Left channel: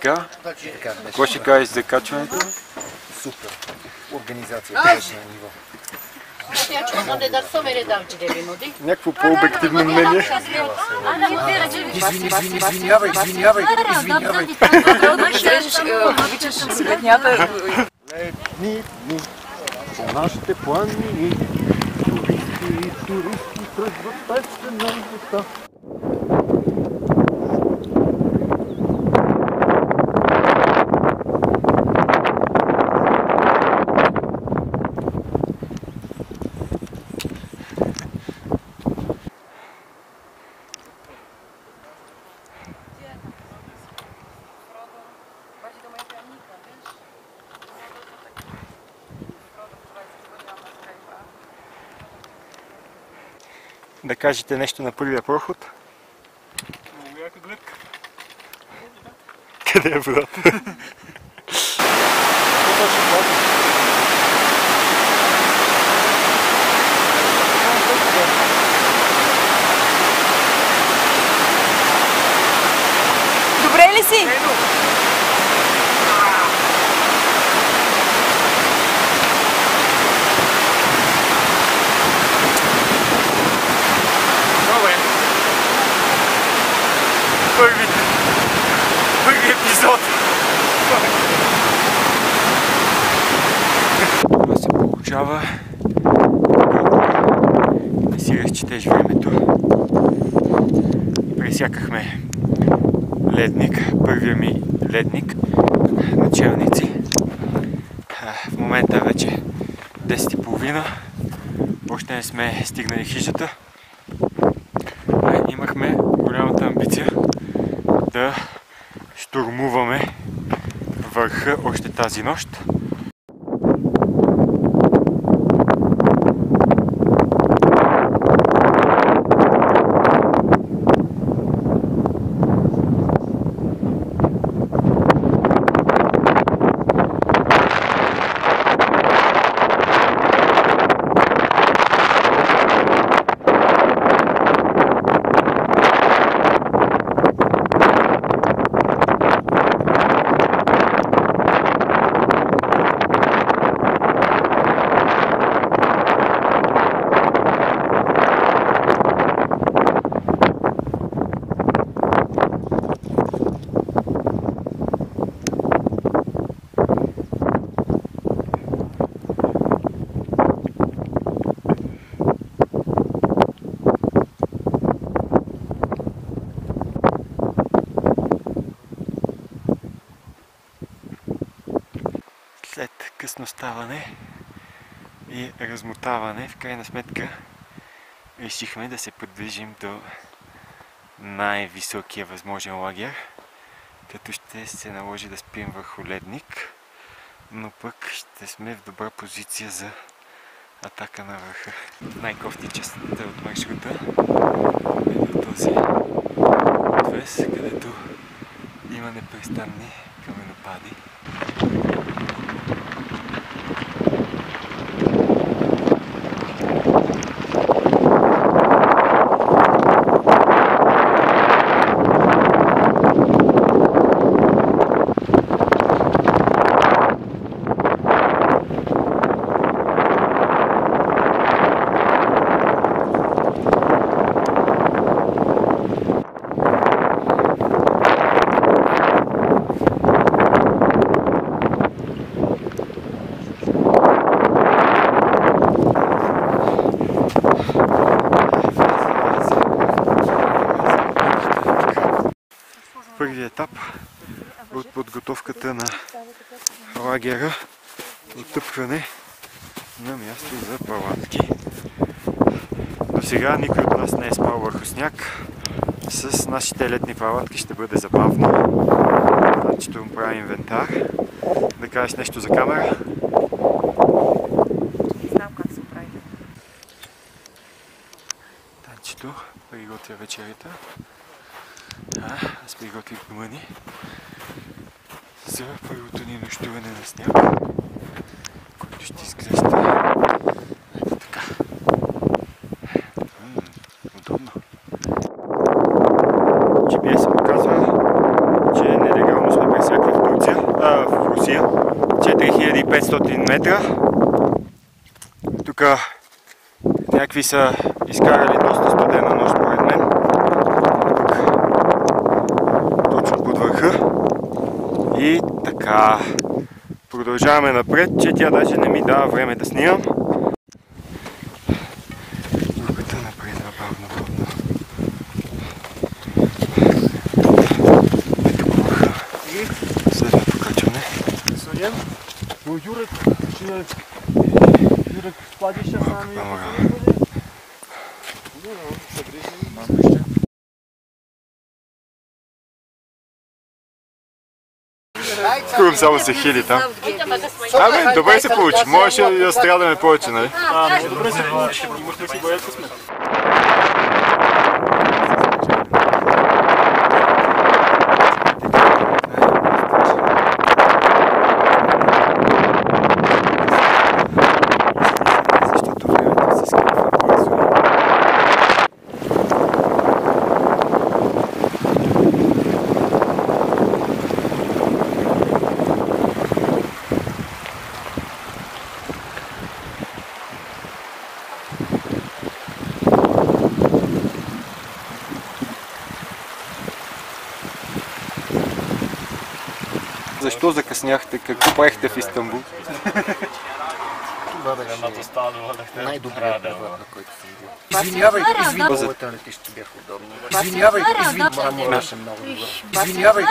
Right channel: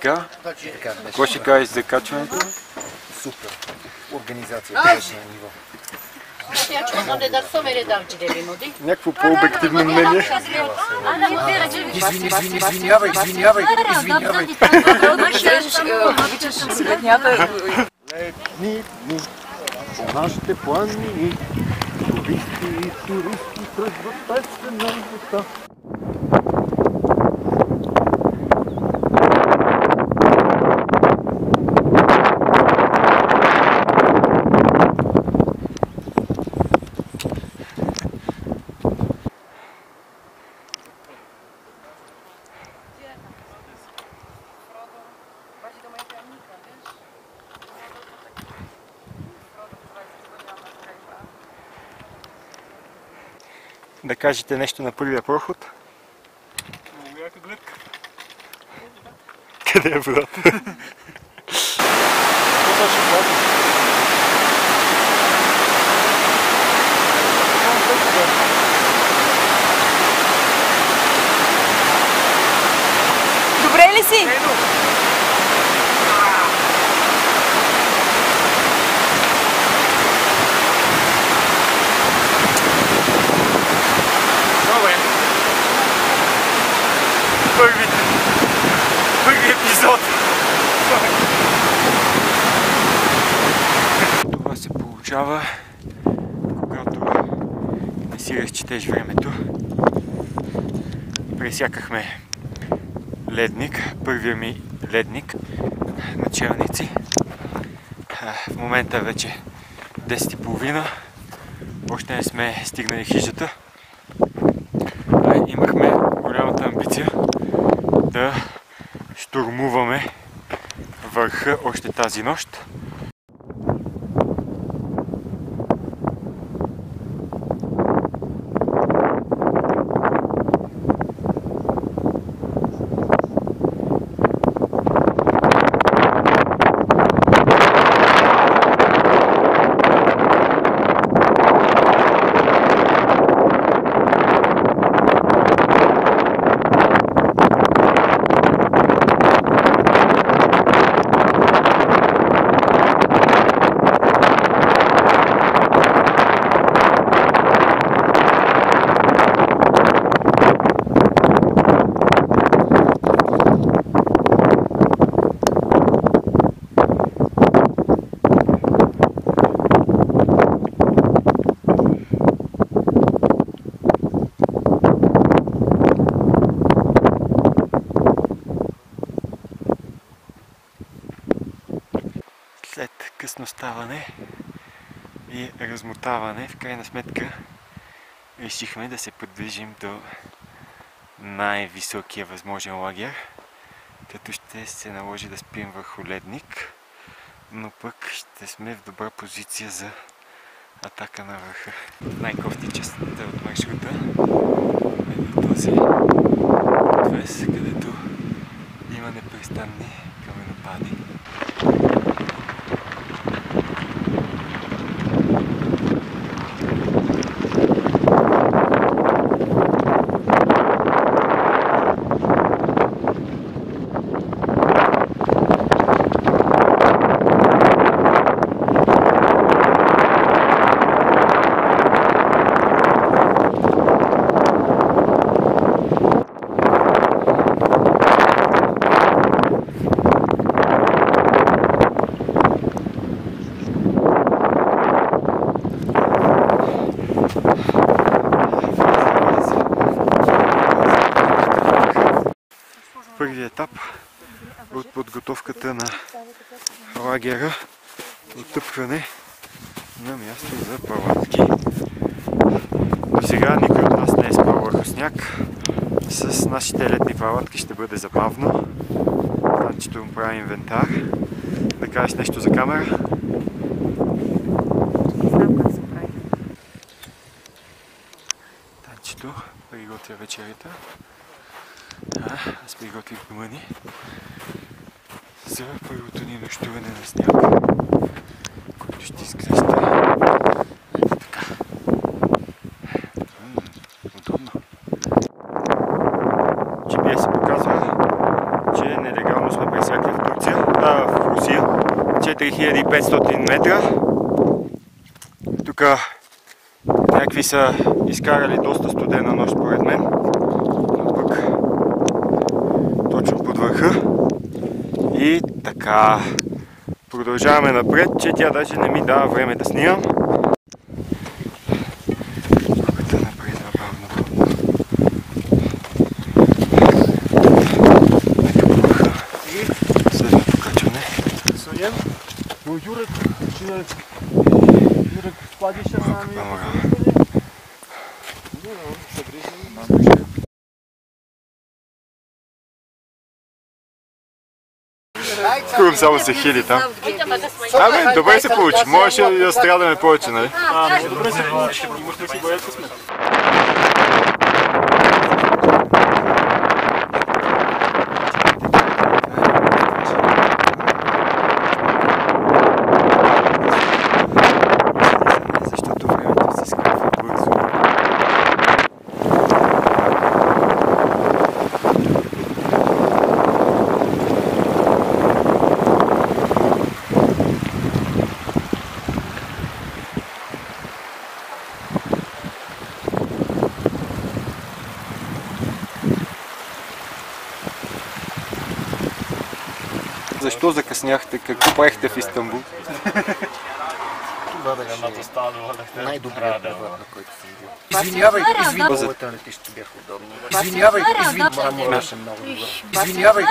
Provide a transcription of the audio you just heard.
така? Какво ще кажеш за качването? Супер. Организация беше на ниво. Някакво по-обективно мнение. Извинявай. Летни дни по нашите планини, туристи тръгват песен на вода. Да кажете нещо на първия проход. Много яка гледка. Къде е брат? Добре ли си? Първи епизод. Това се получава, когато не си разчетеш времето. Пресякахме ледник, първия ми ледник на Челници. В момента е вече 10:30. Още не сме стигнали хижата. Имахме голямата амбиция да щурмуваме върха още тази нощ. След късно ставане и размотаване, в крайна сметка решихме да се придвижим до най-високия възможен лагер, като ще се наложи да спим върху ледник, но пък ще сме в добра позиция за атака на върха. Най-кофти частта от маршрута е до този отвес, където има непрестанни каменопади. Първият етап от подготовката на лагера, отъпване на място за палатки. До сега никой от нас не е спал върху сняг. С нашите летни палатки ще бъде забавно. Танчето му прави инвентар. Да кажеш нещо за камера? Не знам как се прави. Танчето приготвя вечерята. Аз приготвих дома ни за първото ни нощуване на сняг, който ще изглежда така. GPS се показва че нелегално сме пресякли в Турция, в Русия. 4500 метра. Тук някакви са изкарали доста студена нощ, поред мен. Тук, точно под върха. И така, продължаваме напред, че тя даже не ми дава време да снимам. Пътя напред, бавно. Ето по върха. Следва покачване. Soniem? No Jurek, czy Jurek wpadnie się z nami? No, przegryźmy. Курм само се хили там. Абе, добре се получи. Можеше да страдаме повече, нали? Добре се получи. Имахме си боя късмет. Защото времето се скрива бързо. Защо закъсняхте? Какво правихте в Истанбул? Това беше най-добрият превод, на който съм бил. Извинявай. Летището бяха удобни. Извинявай. Имаше много добър. Извинявай.